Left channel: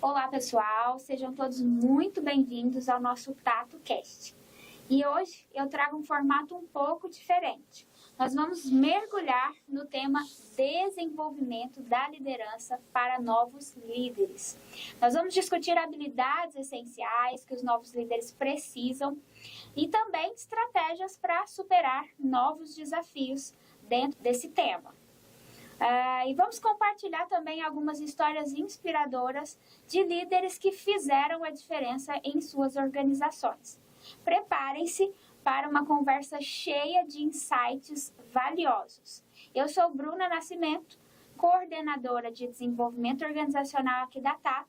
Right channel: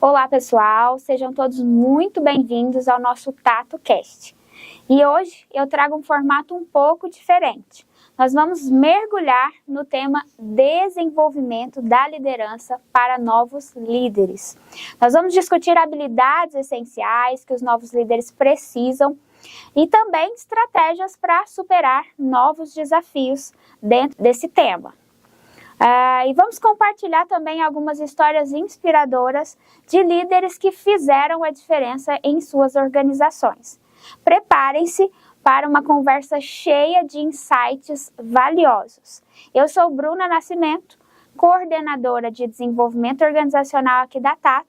Olá, pessoal! Sejam todos muito bem-vindos ao nosso TatoCast. E hoje eu trago um formato um pouco diferente. Nós vamos mergulhar no tema desenvolvimento da liderança para novos líderes. Nós vamos discutir habilidades essenciais que os novos líderes precisam e também estratégias para superar novos desafios dentro desse tema. E vamos compartilhar também algumas histórias inspiradoras de líderes que fizeram a diferença em suas organizações. Preparem-se para uma conversa cheia de insights valiosos. Eu sou Bruna Nascimento, coordenadora de desenvolvimento organizacional aqui da Tato.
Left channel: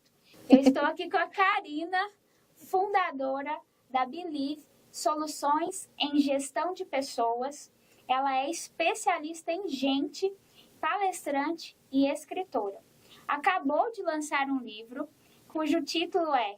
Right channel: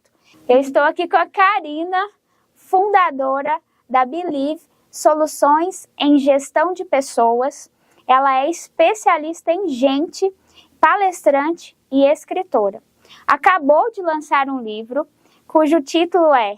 Eu estou aqui com a Karina, fundadora da Believe Soluções em Gestão de Pessoas. Ela é especialista em gente, palestrante e escritora. Acabou de lançar um livro cujo título é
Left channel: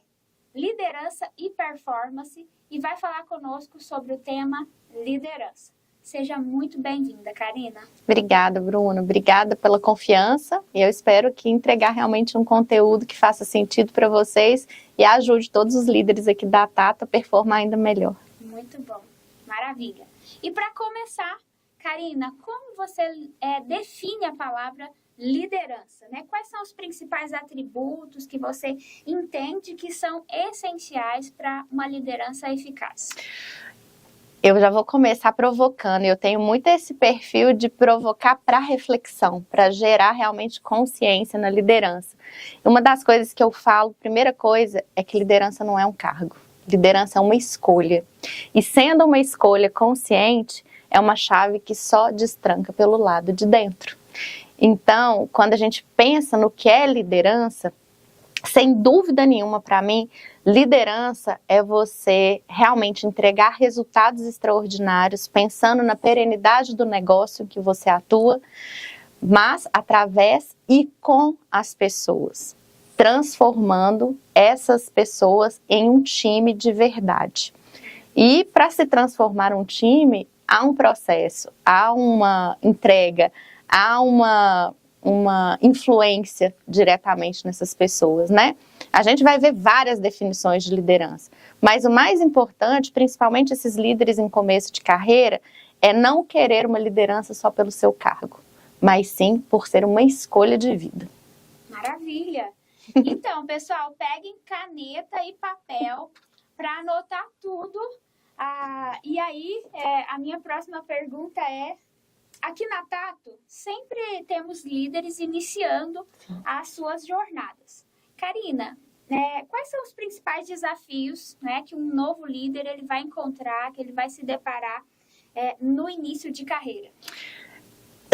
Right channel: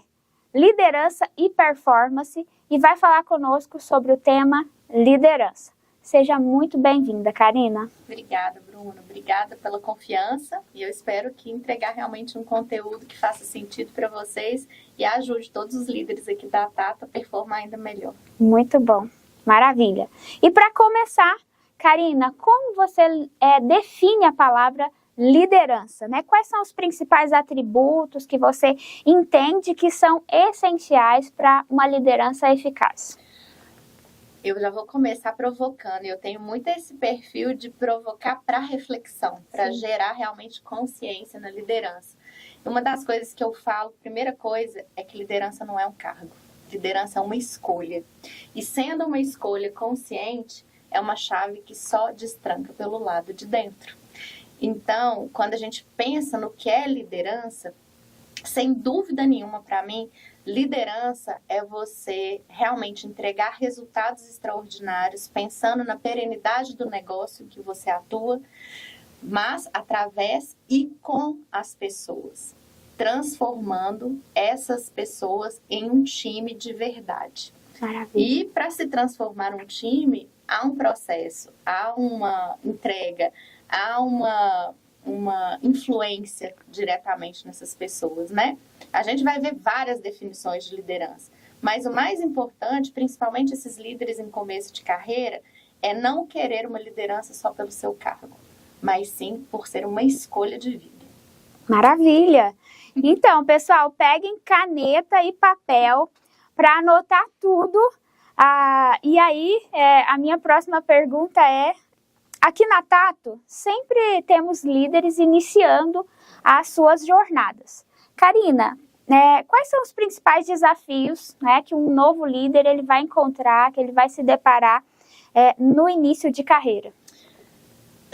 Liderança e Performance e vai falar conosco sobre o tema liderança. Seja muito bem-vinda, Karina. Obrigada, Bruno. Obrigada pela confiança. E eu espero que entregar realmente um conteúdo que faça sentido para vocês e ajude todos os líderes aqui da Tato a performar ainda melhor. Muito bom. Maravilha. E para começar, Karina, como você define a palavra liderança, né? Quais são os principais atributos que você entende que são essenciais para uma liderança eficaz? Eu já vou começar provocando. Eu tenho muito esse perfil de provocar para reflexão, para gerar realmente consciência na liderança. Uma das coisas que eu falo, primeira coisa, é que liderança não é um cargo. Liderança é uma escolha. E sendo uma escolha consciente, é uma chave que só destranca pelo lado de dentro. Então, quando a gente pensa no que é liderança, sem dúvida nenhuma para mim, liderança é você realmente entregar resultados extraordinários, pensando na perenidade do negócio que você atua, mas através e com as pessoas, transformando essas pessoas em um time de verdade. Maravilha. E para se transformar um time, há um processo, há uma entrega, há uma influência diretamente nessas pessoas, né? A gente vai ver várias definições de liderança, mas o mais importante, principalmente esses líderes em começo de carreira, é não querer uma liderança só pelo seu cargo, mas sim por ser uma escolha de vida. Maravilha! Então, pessoal, peguem caneta e papel para anotar tudo. E aí, a minha próxima pergunta é: aqui na Tato, sempre temos líderes iniciando as suas jornadas. Karina, quais são os principais desafios, que um novo líder ele vai encontrar, que ele vai se deparar no início de carreira?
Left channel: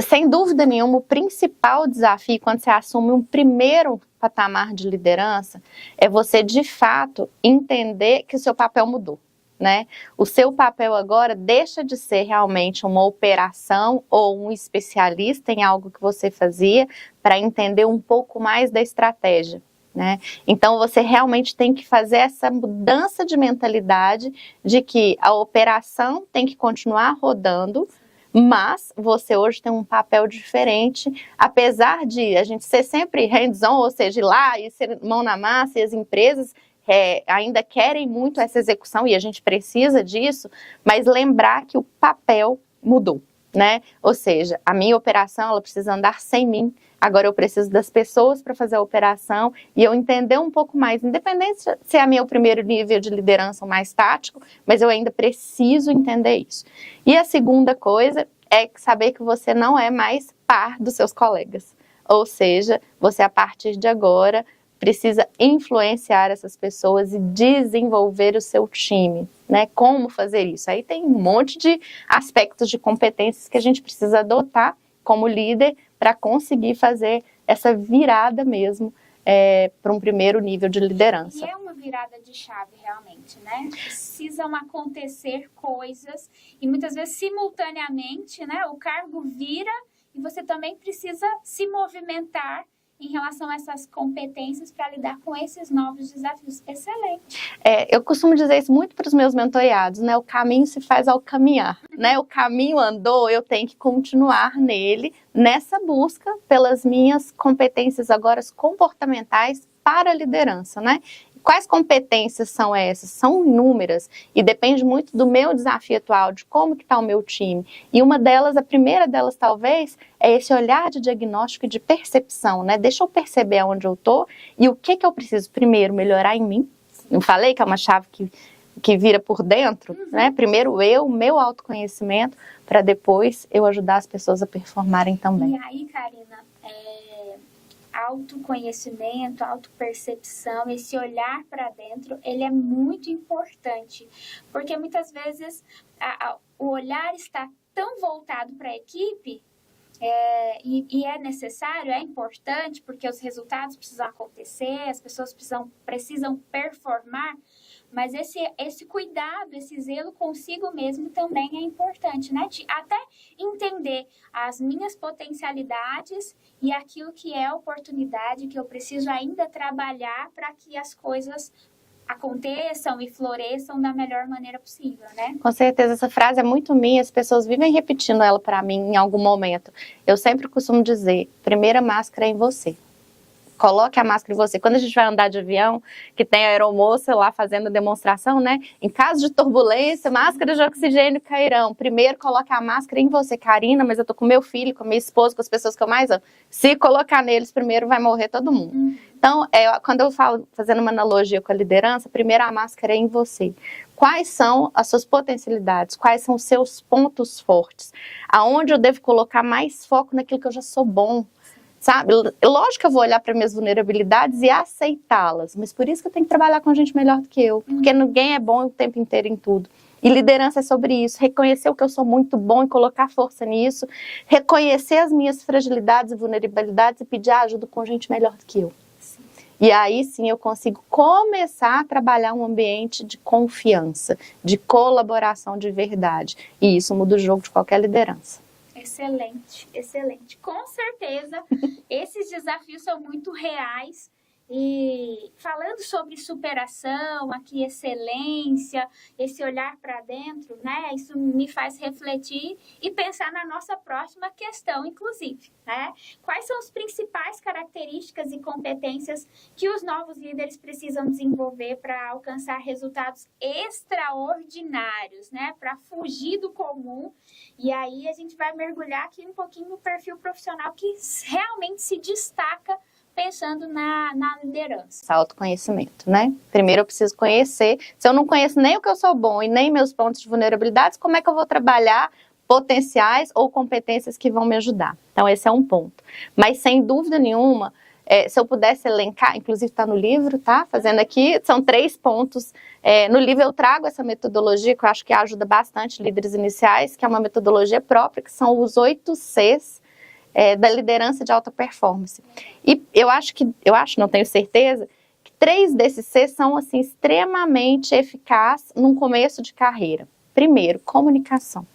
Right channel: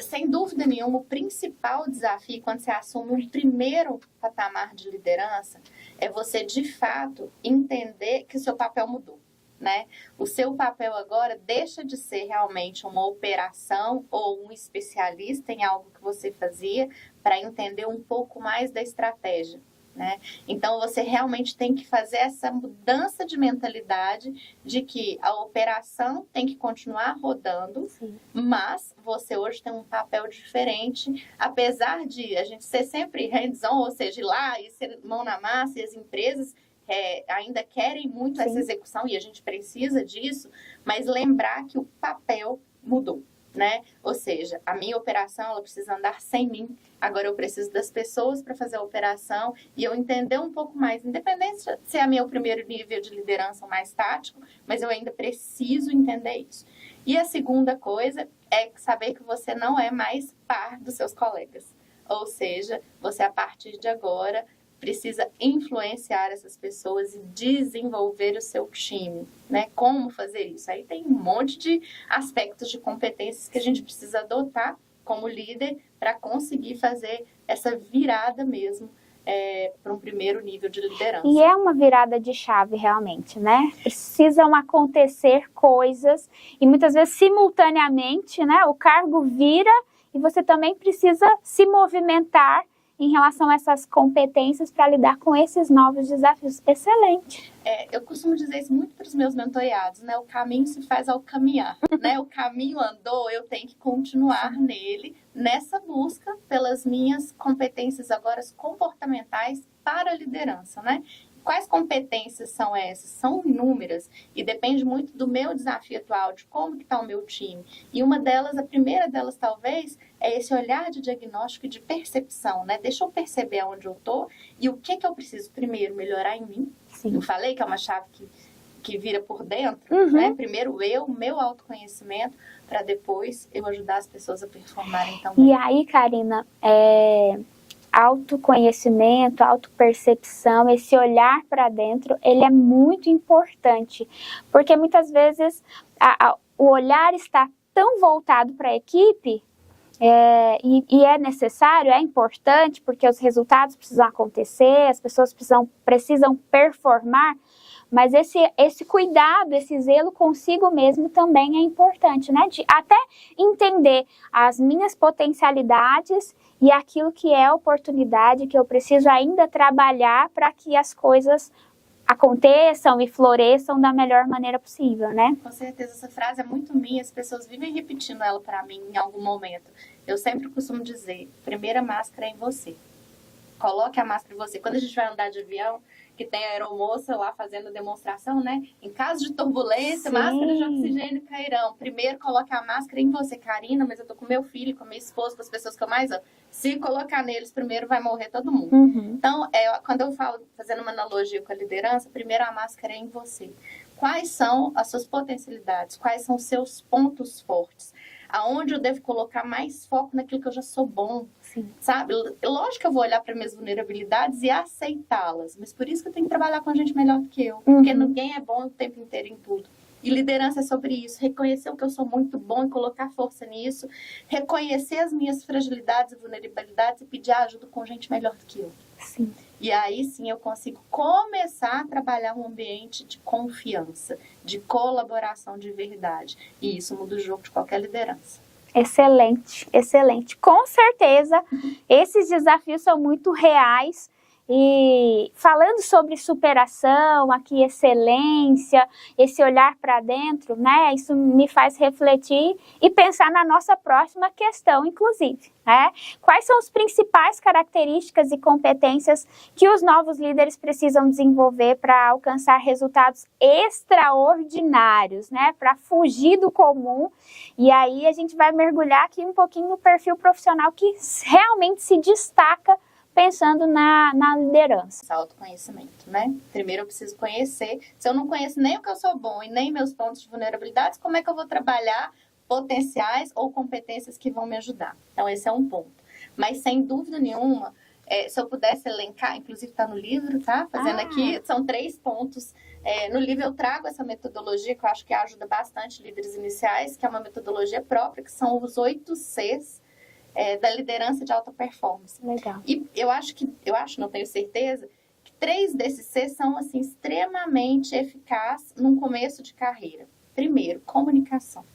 Sem dúvida nenhuma, o principal desafio quando você assume um primeiro patamar de liderança é você, de fato, entender que o seu papel mudou. Né? O seu papel agora deixa de ser realmente uma operação ou um especialista em algo que você fazia para entender um pouco mais da estratégia. Né? Então, você realmente tem que fazer essa mudança de mentalidade de que a operação tem que continuar rodando, sim, mas você hoje tem um papel diferente, apesar de a gente ser sempre hands-on, ou seja, ir lá e ser mão na massa, e as empresas ainda querem muito, sim, essa execução, e a gente precisa disso, mas lembrar que o papel mudou, né? Ou seja, a minha operação ela precisa andar sem mim, agora eu preciso das pessoas para fazer a operação e eu entender um pouco mais, independente se é meu primeiro nível de liderança ou mais tático, mas eu ainda preciso entender isso. E a segunda coisa é saber que você não é mais par dos seus colegas, ou seja, você a partir de agora precisa influenciar essas pessoas e desenvolver o seu time, né? Como fazer isso? Aí tem um monte de aspectos de competências que a gente precisa adotar como líder para conseguir fazer essa virada mesmo para um primeiro nível de liderança. E é uma virada de chave realmente, né? Precisam acontecer coisas e muitas vezes simultaneamente, né? O cargo vira e você também precisa se movimentar em relação a essas competências para lidar com esses novos desafios. Excelente. Eu costumo dizer isso muito para os meus mentoreados, né? O caminho se faz ao caminhar, né? O caminho andou, eu tenho que continuar nele, nessa busca pelas minhas competências agora comportamentais para a liderança, né? Quais competências são essas? São inúmeras e depende muito do meu desafio atual, de como que está o meu time. E uma delas, a primeira delas talvez, é esse olhar de diagnóstico e de percepção, né? Deixa eu perceber onde eu estou e o que eu preciso primeiro melhorar em mim. Sim. Eu falei que é uma chave que vira por dentro, né? Primeiro meu autoconhecimento, para depois eu ajudar as pessoas a performarem também. E aí, Karina, autoconhecimento, autopercepção, esse olhar para dentro, ele é muito importante, porque muitas vezes o olhar está tão voltado para a equipe, e é necessário, é importante, porque os resultados precisam acontecer, as pessoas precisam performar, mas esse cuidado, esse zelo consigo mesmo também é importante, né? De até entender as minhas potencialidades e aquilo que é oportunidade, que eu preciso ainda trabalhar para que as coisas aconteçam e floresçam da melhor maneira possível, né? Com certeza, essa frase é muito minha, as pessoas vivem repetindo ela para mim em algum momento. Eu sempre costumo dizer, primeira máscara é em você. Coloque a máscara em você. Quando a gente vai andar de avião, que tem a aeromoça lá fazendo a demonstração, né? Em caso de turbulência, máscaras de oxigênio cairão. Primeiro, coloque a máscara em você. Karina, mas eu tô com meu filho, com minha esposa, com as pessoas que eu mais amo. Se colocar neles, primeiro vai morrer todo mundo. Então, quando eu falo, fazendo uma analogia com a liderança, primeiro a máscara é em você. Quais são as suas potencialidades? Quais são os seus pontos fortes? Aonde eu devo colocar mais foco naquilo que eu já sou bom? Sabe? Lógico que eu vou olhar para minhas vulnerabilidades e aceitá-las, mas por isso que eu tenho que trabalhar com gente melhor do que eu, porque ninguém é bom o tempo inteiro em tudo. E liderança é sobre isso, reconhecer o que eu sou muito bom e colocar força nisso, reconhecer as minhas fragilidades e vulnerabilidades e pedir ajuda com gente melhor do que eu. Sim. E aí sim eu consigo começar a trabalhar um ambiente de confiança, de colaboração de verdade. E isso muda o jogo de qualquer liderança. Excelente, excelente. Com certeza, esses desafios são muito reais. E falando sobre superação, aqui excelência, esse olhar para dentro, né? Isso me faz refletir e pensar na nossa próxima questão, inclusive, né? Quais são as principais características e competências que os novos líderes precisam desenvolver para alcançar resultados extraordinários, né? Para fugir do comum. E aí a gente vai mergulhar aqui um pouquinho no perfil profissional que realmente se destaca pensando na liderança. Autoconhecimento, né? Primeiro eu preciso conhecer. Se eu não conheço nem o que eu sou bom e nem meus pontos de vulnerabilidades, como é que eu vou trabalhar potenciais ou competências que vão me ajudar? Então esse é um ponto. Mas sem dúvida nenhuma, se eu pudesse elencar, inclusive está no livro, tá? Fazendo aqui, são 3 pontos. No livro eu trago essa metodologia que eu acho que ajuda bastante líderes iniciais, que é uma metodologia própria, que são os 8 Cs, da liderança de alta performance. Legal. E não tenho certeza, que 3 desses Cs são assim, extremamente eficazes num começo de carreira. Primeiro, comunicação.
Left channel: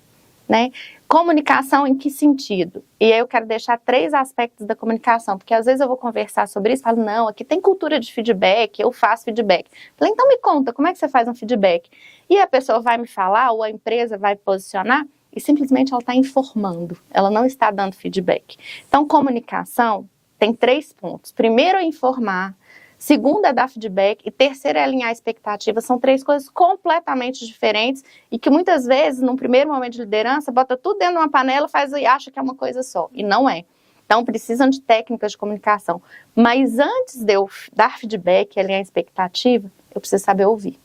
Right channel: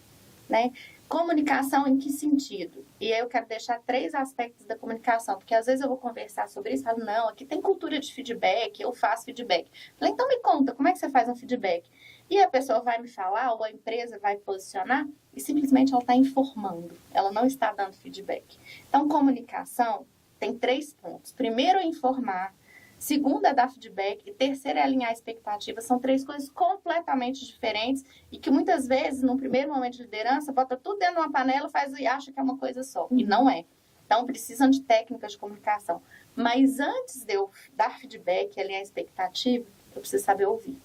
Né? Comunicação em que sentido? E aí eu quero deixar 3 aspectos da comunicação, porque às vezes eu vou conversar sobre isso e falo, não, aqui tem cultura de feedback, eu faço feedback. Falei, então me conta, como é que você faz um feedback? E a pessoa vai me falar, ou a empresa vai posicionar, e simplesmente ela está informando, ela não está dando feedback. Então, comunicação tem 3 pontos. Primeiro é informar, segundo é dar feedback e terceiro é alinhar expectativas. São 3 coisas completamente diferentes e que muitas vezes, num primeiro momento de liderança, bota tudo dentro de uma panela e acha que é uma coisa só. E não é. Então, precisam de técnicas de comunicação. Mas antes de eu dar feedback e alinhar expectativa, eu preciso saber ouvir.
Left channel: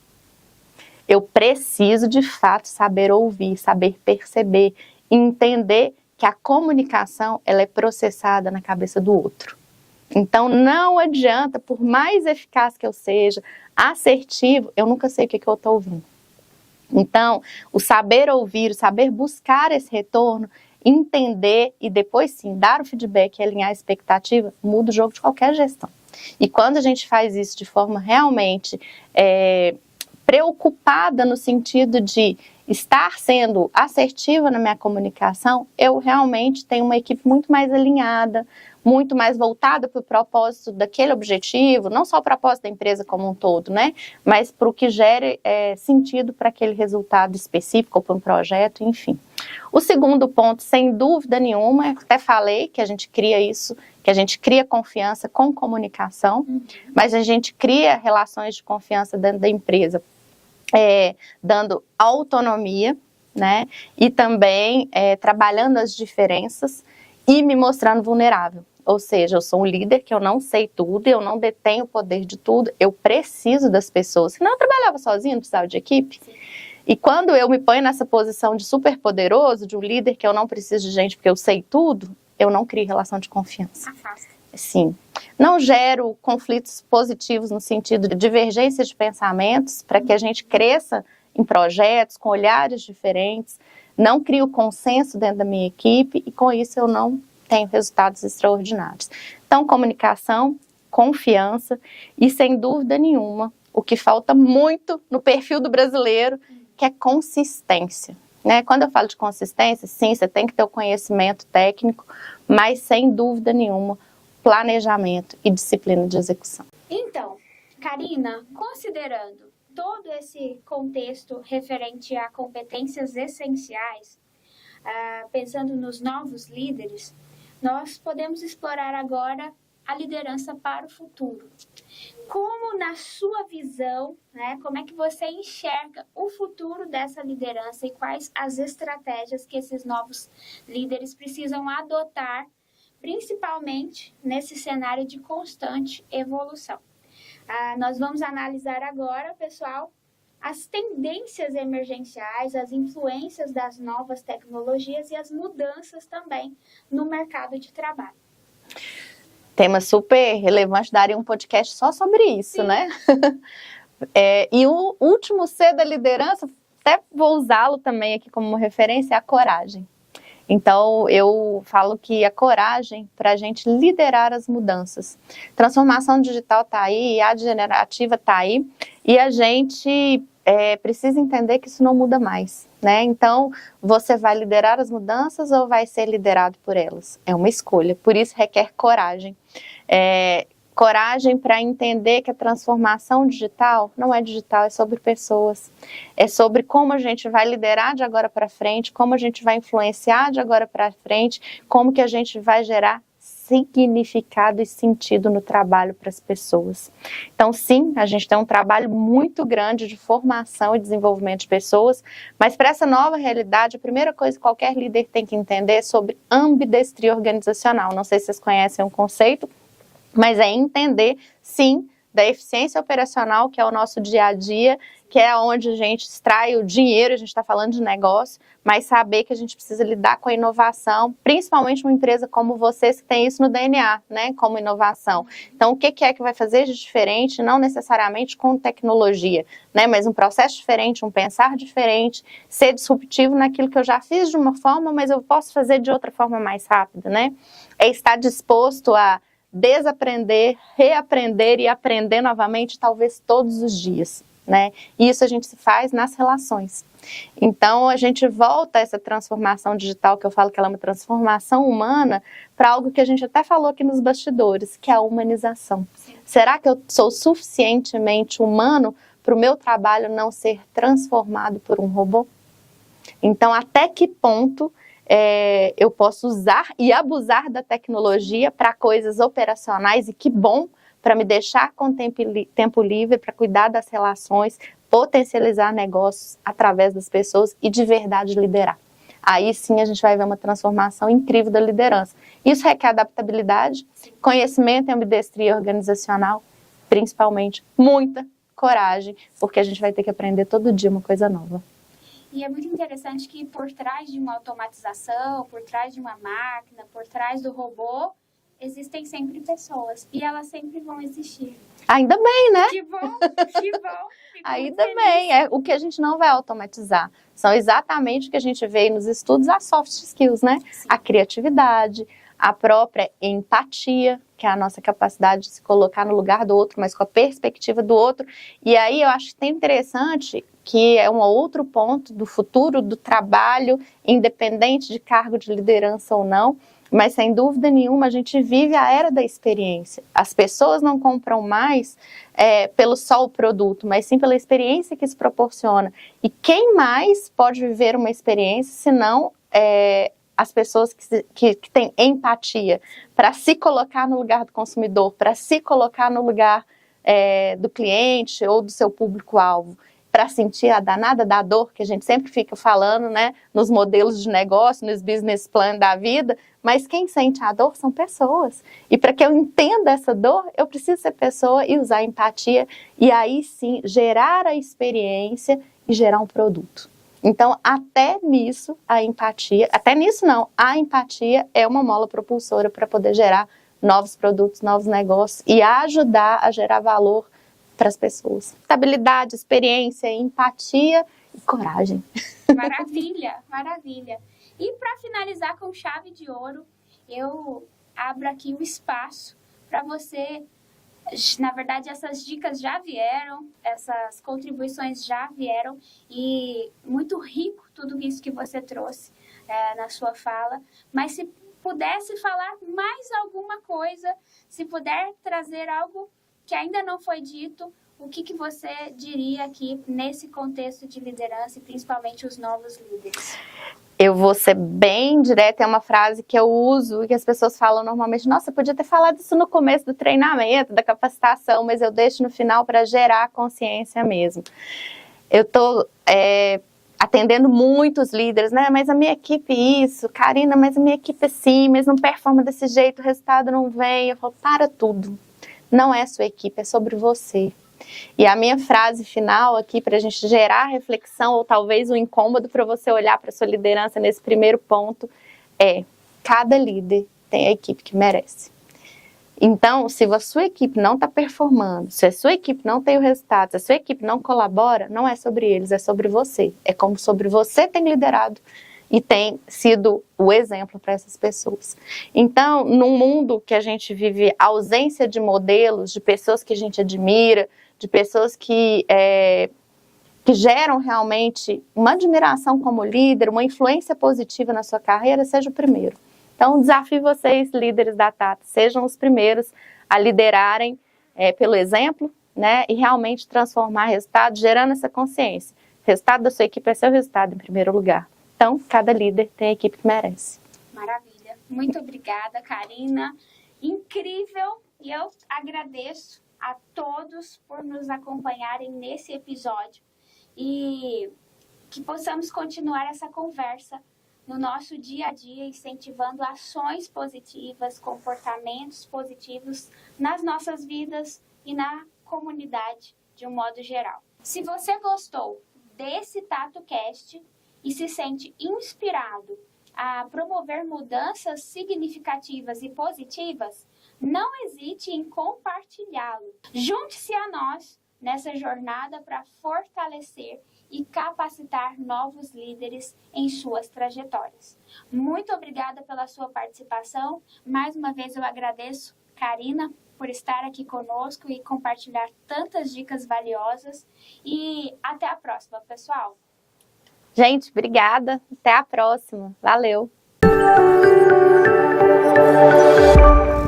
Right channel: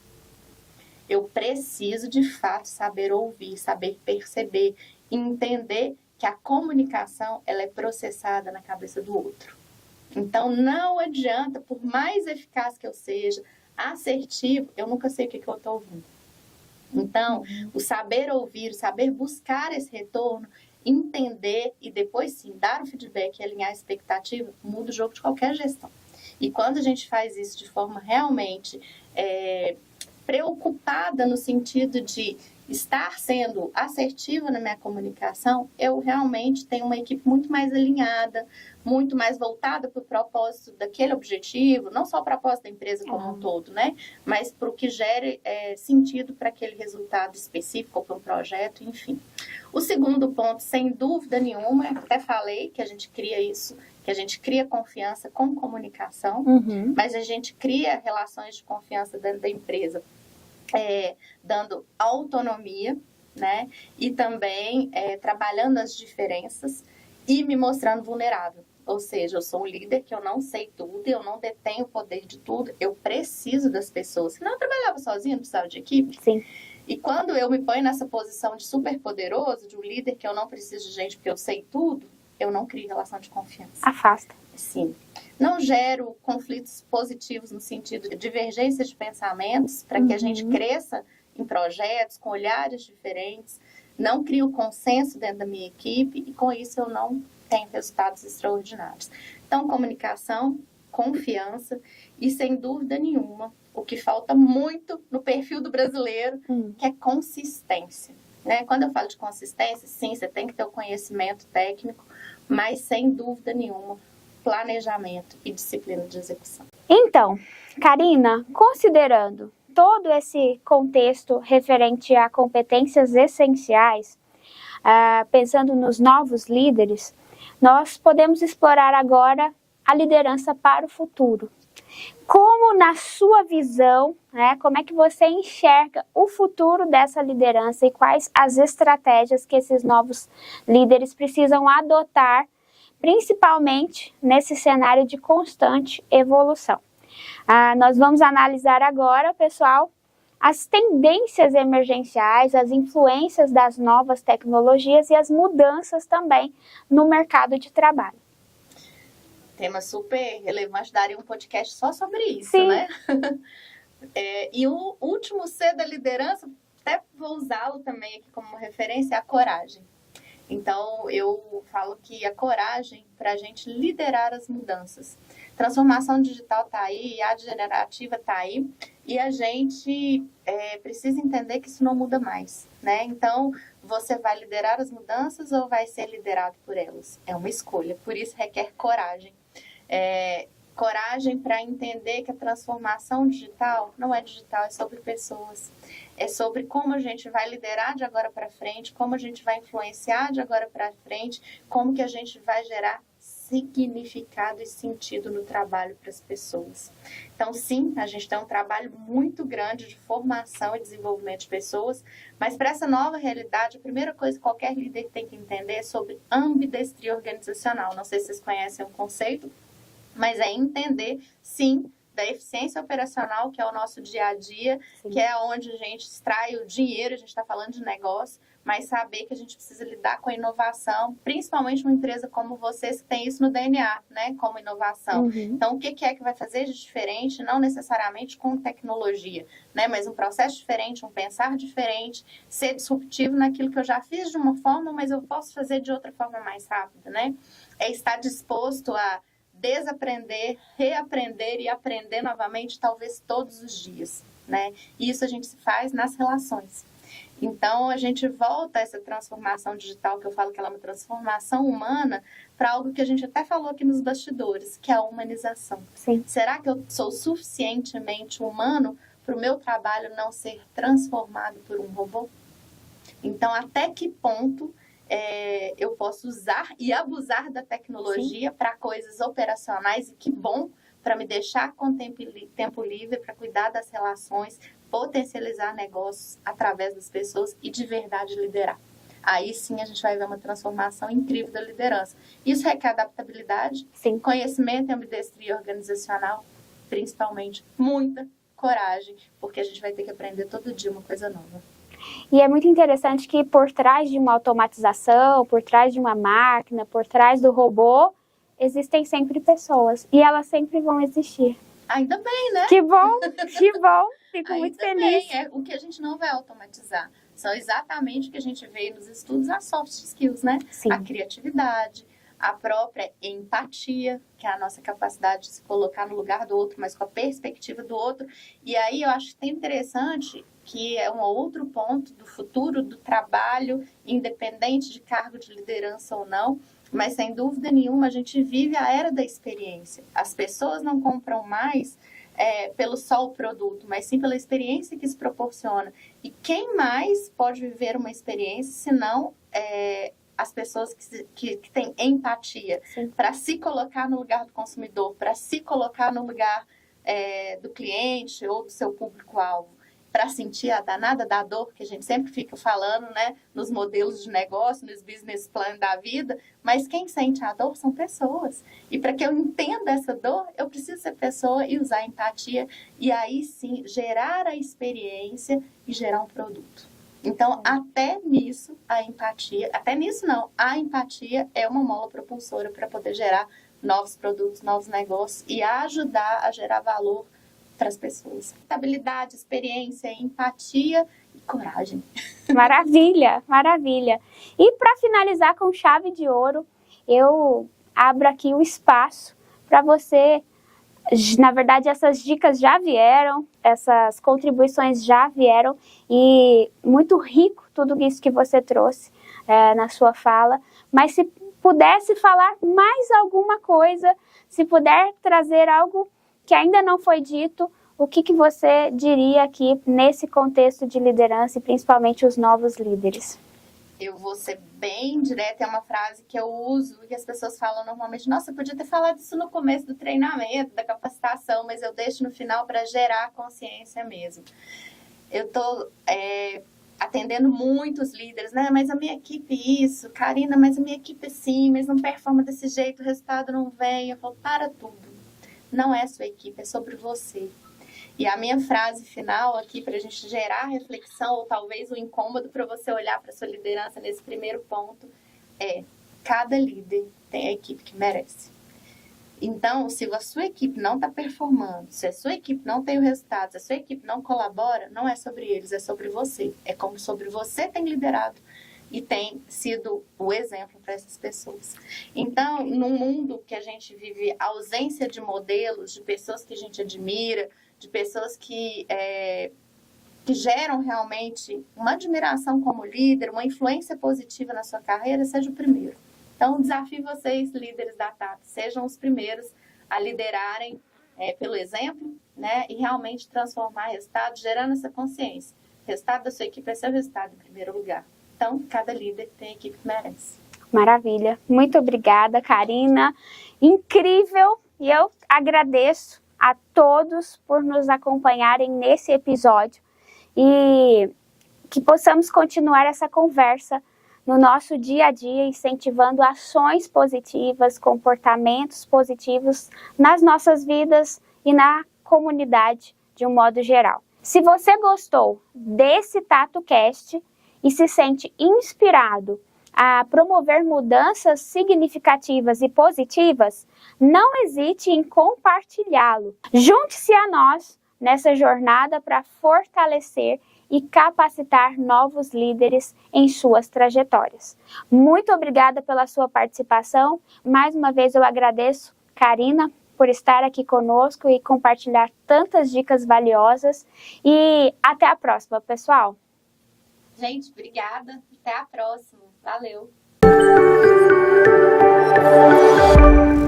Eu preciso, de fato, saber ouvir, saber perceber, entender que a comunicação ela é processada na cabeça do outro. Então, não adianta, por mais eficaz que eu seja, assertivo, eu nunca sei o que eu estou ouvindo. Então, o saber ouvir, o saber buscar esse retorno, entender e depois sim, dar o feedback e alinhar a expectativa, muda o jogo de qualquer gestão. E quando a gente faz isso de forma realmente preocupada no sentido de estar sendo assertiva na minha comunicação, eu realmente tenho uma equipe muito mais alinhada, muito mais voltada para o propósito daquele objetivo, não só o propósito da empresa como um todo, né? Mas para o que gere sentido para aquele resultado específico ou para um projeto, enfim. O segundo ponto, sem dúvida nenhuma, até falei que a gente cria isso, que a gente cria confiança com comunicação, mas a gente cria relações de confiança dentro da empresa, dando autonomia, né? E também trabalhando as diferenças e me mostrando vulnerável. Ou seja, eu sou um líder que eu não sei tudo, eu não detenho o poder de tudo, eu preciso das pessoas. Senão eu trabalhava sozinha, não precisava de equipe. Sim. E quando eu me ponho nessa posição de super poderoso, de um líder que eu não preciso de gente porque eu sei tudo, eu não crio relação de confiança. Afasta. Sim. Não gero conflitos positivos no sentido de divergência de pensamentos para que a gente cresça em projetos com olhares diferentes. Não crio consenso dentro da minha equipe e com isso eu não tenho resultados extraordinários. Então, comunicação, confiança e, sem dúvida nenhuma, o que falta muito no perfil do brasileiro, que é consistência. Né? Quando eu falo de consistência, sim, você tem que ter o conhecimento técnico, mas, sem dúvida nenhuma, planejamento e disciplina de execução. Então, Karina, considerando todo esse contexto referente a competências essenciais, pensando nos novos líderes, nós podemos explorar agora a liderança para o futuro. Como, na sua visão, né, como é que você enxerga o futuro dessa liderança e quais as estratégias que esses novos líderes precisam adotar, principalmente nesse cenário de constante evolução? Nós vamos analisar agora, pessoal, as tendências emergenciais, as influências das novas tecnologias e as mudanças também no mercado de trabalho. Tema super relevante, daria um podcast só sobre isso, Sim. Né? E o último C da liderança, até vou usá-lo também aqui como referência, é a coragem. Então, eu falo que a coragem para a gente liderar as mudanças. Transformação digital está aí, a generativa está aí, e a gente precisa entender que isso não muda mais, né? Então, você vai liderar as mudanças ou vai ser liderado por elas? É uma escolha, por isso requer coragem. Coragem para entender que a transformação digital não é digital, é sobre pessoas. É sobre como a gente vai liderar de agora para frente, como a gente vai influenciar de agora para frente, como que a gente vai gerar significado e sentido no trabalho para as pessoas. Então, sim, a gente tem um trabalho muito grande de formação e desenvolvimento de pessoas, mas para essa nova realidade, a primeira coisa que qualquer líder tem que entender é sobre ambidestria organizacional. Não sei se vocês conhecem o conceito, mas é entender, sim, da eficiência operacional, que é o nosso dia a dia, sim, que é onde a gente extrai o dinheiro, a gente está falando de negócio, mas saber que a gente precisa lidar com a inovação, principalmente uma empresa como vocês, que tem isso no DNA, né, como inovação. Então, o que é que vai fazer de diferente, não necessariamente com tecnologia, né, mas um processo diferente, um pensar diferente, ser disruptivo naquilo que eu já fiz de uma forma, mas eu posso fazer de outra forma mais rápida, né? É estar disposto a desaprender, reaprender e aprender novamente, talvez todos os dias, né? E isso a gente faz nas relações. Então, a gente volta a essa transformação digital, que eu falo que ela é uma transformação humana, para algo que a gente até falou aqui nos bastidores, que é a humanização. Sim. Será que eu sou suficientemente humano para o meu trabalho não ser transformado por um robô? Então, até que ponto eu posso usar e abusar da tecnologia para coisas operacionais, e que bom, para me deixar com tempo livre, para cuidar das relações, potencializar negócios através das pessoas e de verdade liderar. Aí sim a gente vai ver uma transformação incrível da liderança. Isso requer adaptabilidade, sim, conhecimento e ambidestria organizacional, principalmente muita coragem, porque a gente vai ter que aprender todo dia uma coisa nova. E é muito interessante que por trás de uma automatização, por trás de uma máquina, por trás do robô, existem sempre pessoas. E elas sempre vão existir. Ainda bem, né? Que bom, que bom. Fico muito feliz. Ainda bem. O que a gente não vai automatizar são exatamente o que a gente vê nos estudos, as soft skills, né? Sim. A criatividade, a própria empatia, que é a nossa capacidade de se colocar no lugar do outro, mas com a perspectiva do outro. E aí eu acho que tem interessante que é um outro ponto do futuro do trabalho, independente de cargo de liderança ou não, mas sem dúvida nenhuma a gente vive a era da experiência. As pessoas não compram mais pelo só o produto, mas sim pela experiência que isso proporciona. E quem mais pode viver uma experiência se não as pessoas que têm empatia para se colocar no lugar do consumidor, para se colocar no lugar do cliente ou do seu público-alvo, para sentir a danada da dor, que a gente sempre fica falando, né, nos modelos de negócio, nos business plan da vida, mas quem sente a dor são pessoas. E para que eu entenda essa dor, eu preciso ser pessoa e usar empatia, e aí sim gerar a experiência e gerar um produto. Então, até nisso, a empatia é uma mola propulsora para poder gerar novos produtos, novos negócios e ajudar a gerar valor para as pessoas. Habilidade, experiência, empatia e coragem. Maravilha, maravilha. E para finalizar com chave de ouro, eu abro aqui o espaço para você. Na verdade, essas dicas já vieram, essas contribuições já vieram e muito rico tudo isso que você trouxe na sua fala. Mas se pudesse falar mais alguma coisa, se puder trazer algo que ainda não foi dito, o que você diria aqui nesse contexto de liderança e principalmente os novos líderes? Eu vou ser bem direta, é uma frase que eu uso e que as pessoas falam normalmente, nossa, eu podia ter falado isso no começo do treinamento, da capacitação, mas eu deixo no final para gerar consciência mesmo. Eu estou atendendo muitos líderes, né? Mas a minha equipe isso, Karina, mas a minha equipe assim, mas não performa desse jeito, o resultado não vem. Eu falo, para tudo. Não é sua equipe, é sobre você. E a minha frase final aqui para a gente gerar reflexão ou talvez um incômodo para você olhar para a sua liderança nesse primeiro ponto é: cada líder tem a equipe que merece. Então, se a sua equipe não está performando, se a sua equipe não tem o resultado, se a sua equipe não colabora, não é sobre eles, é sobre você. É como sobre você tem liderado e tem sido o exemplo para essas pessoas. Então, num mundo que a gente vive ausência de modelos, de pessoas que a gente admira, de pessoas que geram realmente uma admiração como líder, uma influência positiva na sua carreira, seja o primeiro. Então, desafio vocês, líderes da Tata, sejam os primeiros a liderarem pelo exemplo, né, e realmente transformar resultados, gerando essa consciência. O resultado da sua equipe é seu resultado, em primeiro lugar. Então, cada líder tem a equipe que merece. Maravilha. Muito obrigada, Karina. Incrível. E eu agradeço a todos por nos acompanharem nesse episódio e que possamos continuar essa conversa no nosso dia a dia, incentivando ações positivas, comportamentos positivos nas nossas vidas e na comunidade de um modo geral. Se você gostou desse TatoCast e se sente inspirado a promover mudanças significativas e positivas, não hesite em compartilhá-lo. Junte-se a nós nessa jornada para fortalecer e capacitar novos líderes em suas trajetórias. Muito obrigada pela sua participação. Mais uma vez eu agradeço, Karina, por estar aqui conosco e compartilhar tantas dicas valiosas. E até a próxima, pessoal! Gente, obrigada. Até a próxima. Valeu!